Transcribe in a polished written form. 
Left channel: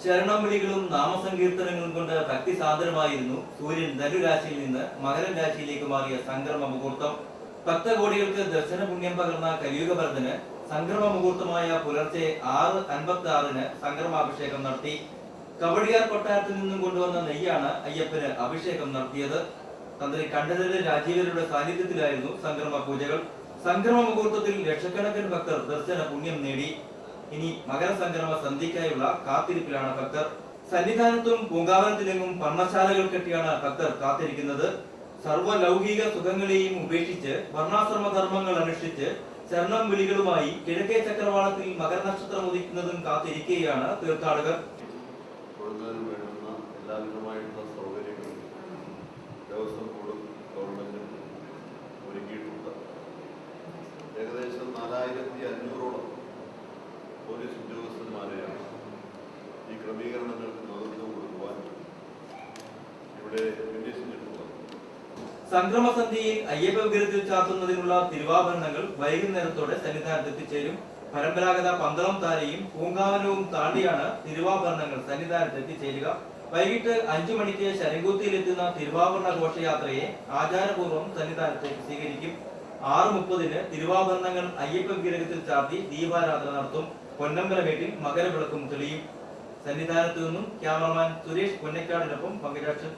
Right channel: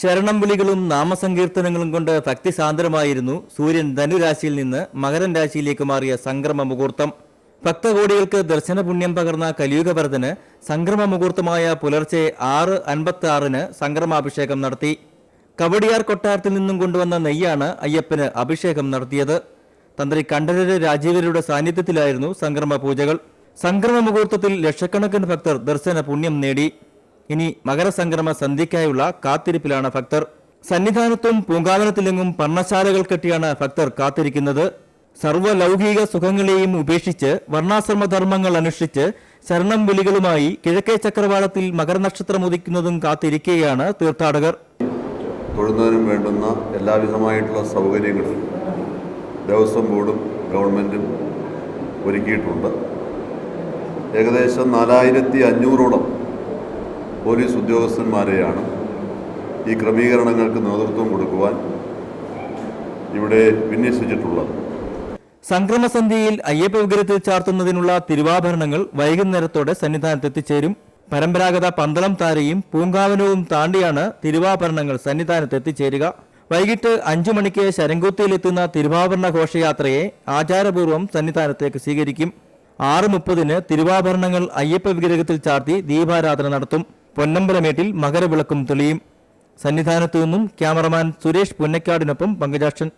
ശരണം വിളികളും നാമസങ്കീർത്തനങ്ങളും കൊണ്ട് ഭക്തിസാന്ദ്രമായിരുന്നു സൂര്യൻ ധനുരാശിയിൽ നിന്ന് മകരൻ രാശിയിലേക്ക് മാറിയ സംക്രമ മുഹൂർത്തം. ഭക്തകോടികൾക്ക് ദർശന പുണ്യം പകർന്ന കലിയുഗവരദന് സംക്രമ മുഹൂർത്തമായ പുലർച്ചെ 6:56 സംക്രമാഭിഷേകം നടത്തി. കവടിയാർ കൊട്ടാരത്തിൽ നിന്നും കൊണ്ടുവന്ന നെയ്യാണ് അയ്യപ്പന് അഭിഷേകം നടത്തിയത്. തന്ത്രി കണ്ഠരര് രാജീവരുടെ സാന്നിധ്യത്തിലായിരുന്നു സംക്രമ പൂജകൾ. സംക്രമ മുഹൂർത്തത്തിൽ ലക്ഷക്കണക്കിന് ഭക്തർ ദർശന പുണ്യം നേടി. ഇനി മകരസംക്രമ സന്ധ്യയ്ക്കായുള്ള കാത്തിരിപ്പിലാണ് ഭക്തർ. സന്നിധാനത്തും പൂങ്കാവനത്തിലെങ്ങും പർണശാലകൾ കെട്ടിയാണ് ഭക്തർ കാത്തിരിക്കുന്നത്. സർവ്വലൗകിക സുഖങ്ങളെയും ഉപേക്ഷിച്ച് വർണ്ണാശ്രമ ധർമ്മങ്ങൾ അനുഷ്ഠിച്ച് ശരണം വിളികളുമായി കിഴക്കേ ചക്രവാളത്തിൽ മകരനക്ഷത്രം ഉദിക്കുന്നതും കാത്തിരിക്കുകയാണ് തീർത്ഥാടകർ. തൊഴുന്നതിനും വേണ്ടുന്ന എല്ലാവിധമായിട്ടുള്ള സൗകര്യങ്ങളും ദേവസ്വം ബോർഡും ഗവൺമെൻറ്റും ഒരുക്കിയിട്ടുണ്ട്. ഏകദേശം 4500ഓളം പോലീസ് ഉദ്യോഗസ്ഥന്മാരെയാണ് ഈ ക്രമീകരണങ്ങൾക്ക് നേതൃത്വം കൊടുക്കുവാൻ ഇവിടെ വിന്യസിച്ചിട്ടുള്ളത്. സംക്രമസന്ധ്യയിൽ അയ്യപ്പ വിഗ്രഹത്തിൽ ചാർത്തുന്നതിനുള്ള തിരുവാഭരണങ്ങൾ വൈകുന്നേരത്തോടെ സന്നിധാനത്ത് എത്തിച്ചേരും. പരമ്പരാഗത പന്തളം താരയും പൂങ്കാവനവും താണ്ടിയാണ് തിരുവാഭരണങ്ങൾ സന്നിധാനത്ത് എത്തിച്ചേരുക. വൈകിട്ട് 5 മണിക്ക് ശരംകുത്തിയിലെത്തുന്ന തിരുവാഭരണ ഘോഷയാത്രയെ ആചാരപൂർവ്വം സന്നിധാനത്തേക്ക് സ്വീകരിക്കും. 6:30 തിരുവാഭരണങ്ങൾ അയ്യപ്പ വിഗ്രഹത്തിൽ ചാർത്തി ദീപാരാധന നടത്തും. പൊന്നമ്പലമേട്ടിൽ മകരവിളക്കും തെളിയും. സന്നിധാനത്തു നിന്നും ക്യാമറമാൻ സുരേഷ് പുന്നക്കാടിനൊപ്പം പങ്കജാക്ഷൻ.